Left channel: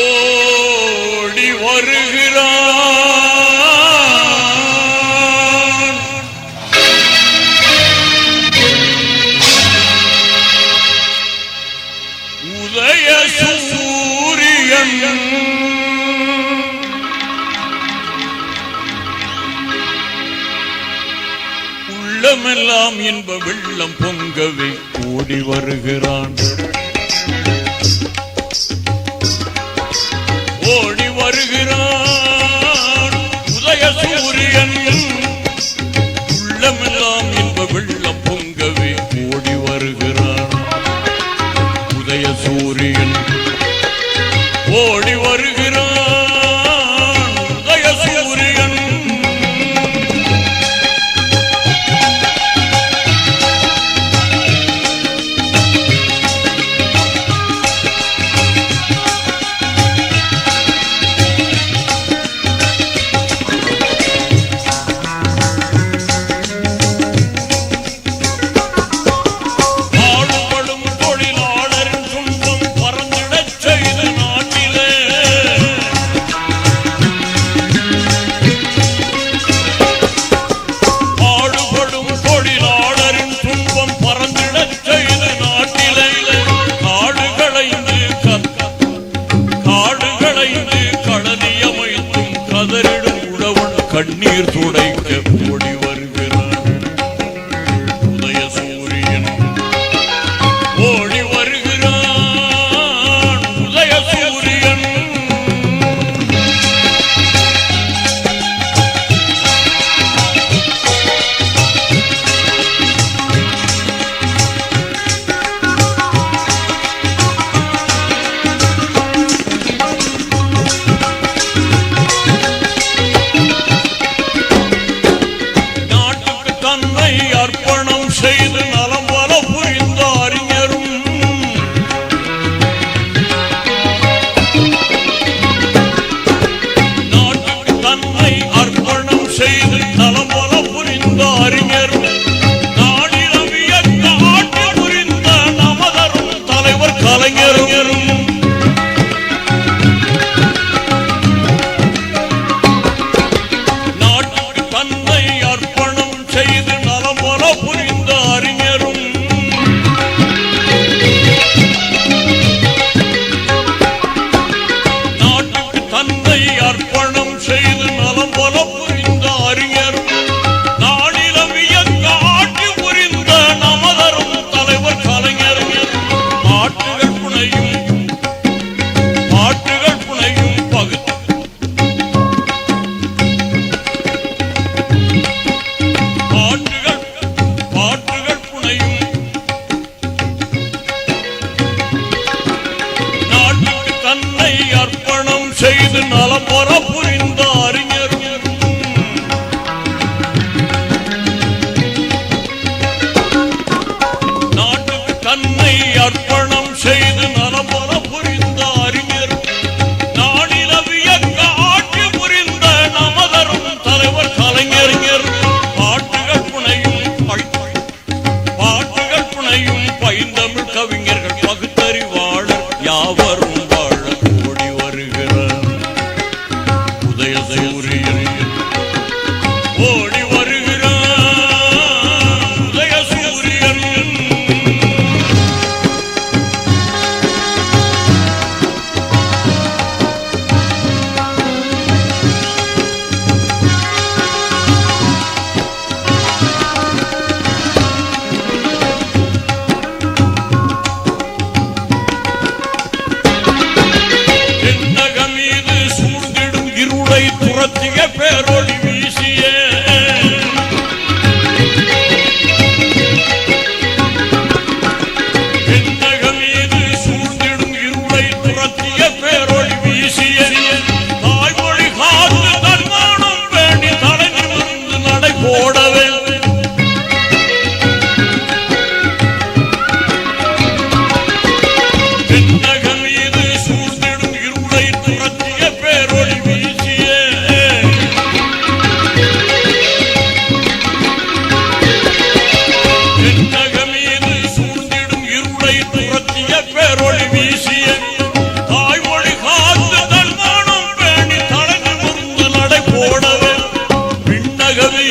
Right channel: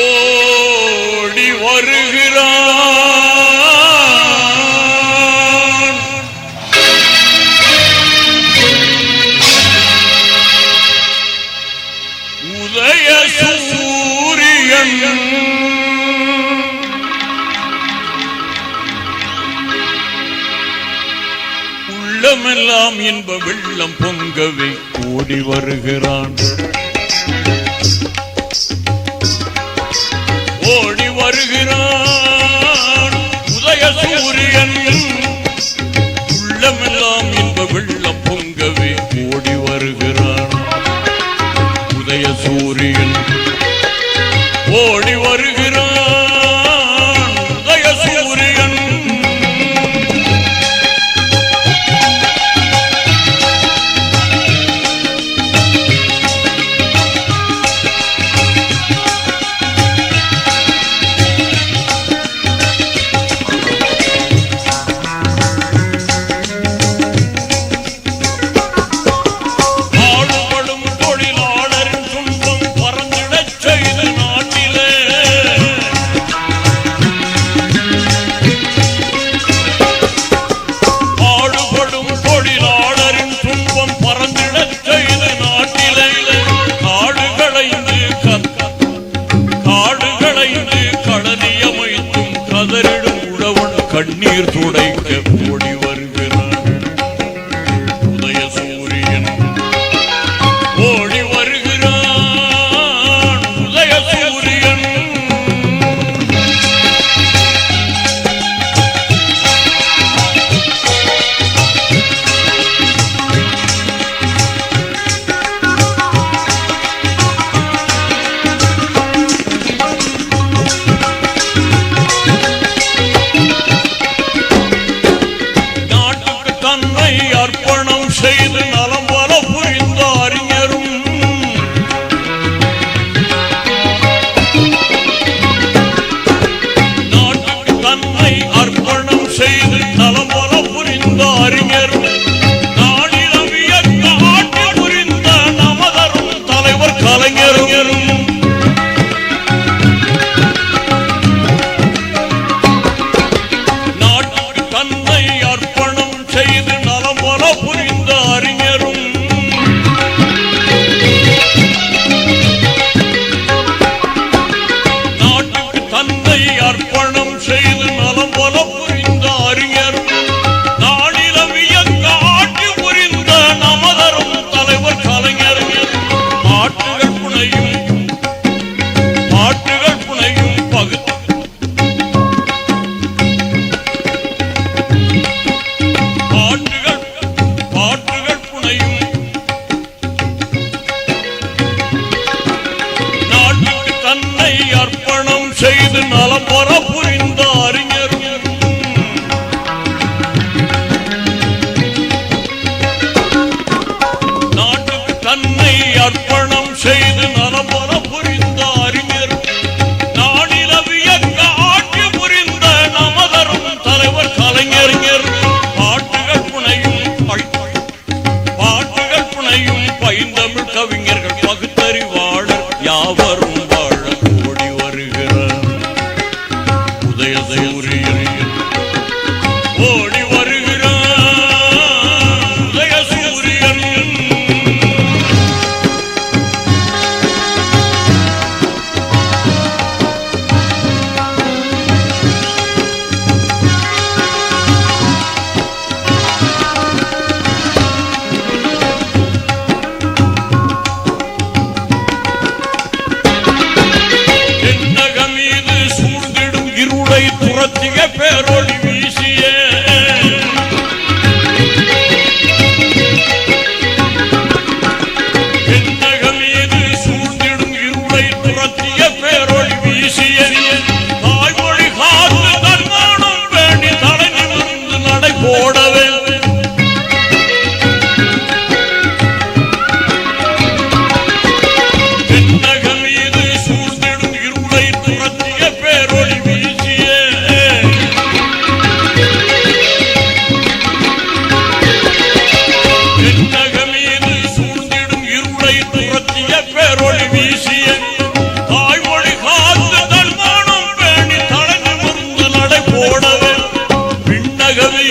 ஓடி வருகிறான். உதய சூரியன் உள்ளமெல்லாம் இன்ப வெள்ளம் பொங்கவே ஓடி வருகிறான். ஓடி வருகிறான் உதய சூரியன் உள்ளமெல்லாம் இன்ப வெள்ளம் பொங்கவே ஓடி வருகிறான். உதய சூரியன் ஓடி வருகிறான். உதய சூரியன் கண்ணீர் துடைக்க ஓடி வருகிறான். உதய சூரியன் ஓடி வருகிறான். உதய சூரியன் அர்ப்பணம் செய்து நலம் பல புரிந்த அறிஞரும் நாட்டுக்கு தன்னை அர்ப்பணம் செய்து நலம் பல புரிந்த அறிஞரும் நாடிலவிய காட்டி புரிந்த நமதரும் தலைவர் கலைஞரும் நாட்டுக்கு தன்னை அர்ப்பணம் செய்து புரிந்த அறிஞரும் நாட்டுக்கு தன்னை அர்ப்பணம் செய்து நலம் பல புரிந்த அறிஞரும் நாடிலவிய காட்டி புரிந்த நமதரும் தலைவர் கலைஞரும் பாட்டுகள் புனையும் பகுத்து தன்னை அர்ப்பணம் செய்து நலம் பெற புரிந்த அறிஞரும் நாட்டுக்கு தன்னை அர்ப்பணம் செய்து நலம் பெற புரிந்த அறிஞரும் நாடிலவிய காட்டி புரிந்த நமதரும் தலைவர் கலைஞர் பாட்டுகள் புனையும் பைந்தமிழ் கவிஞர்கள் பகுத்தறிவாளர் யாவரும் உலகமே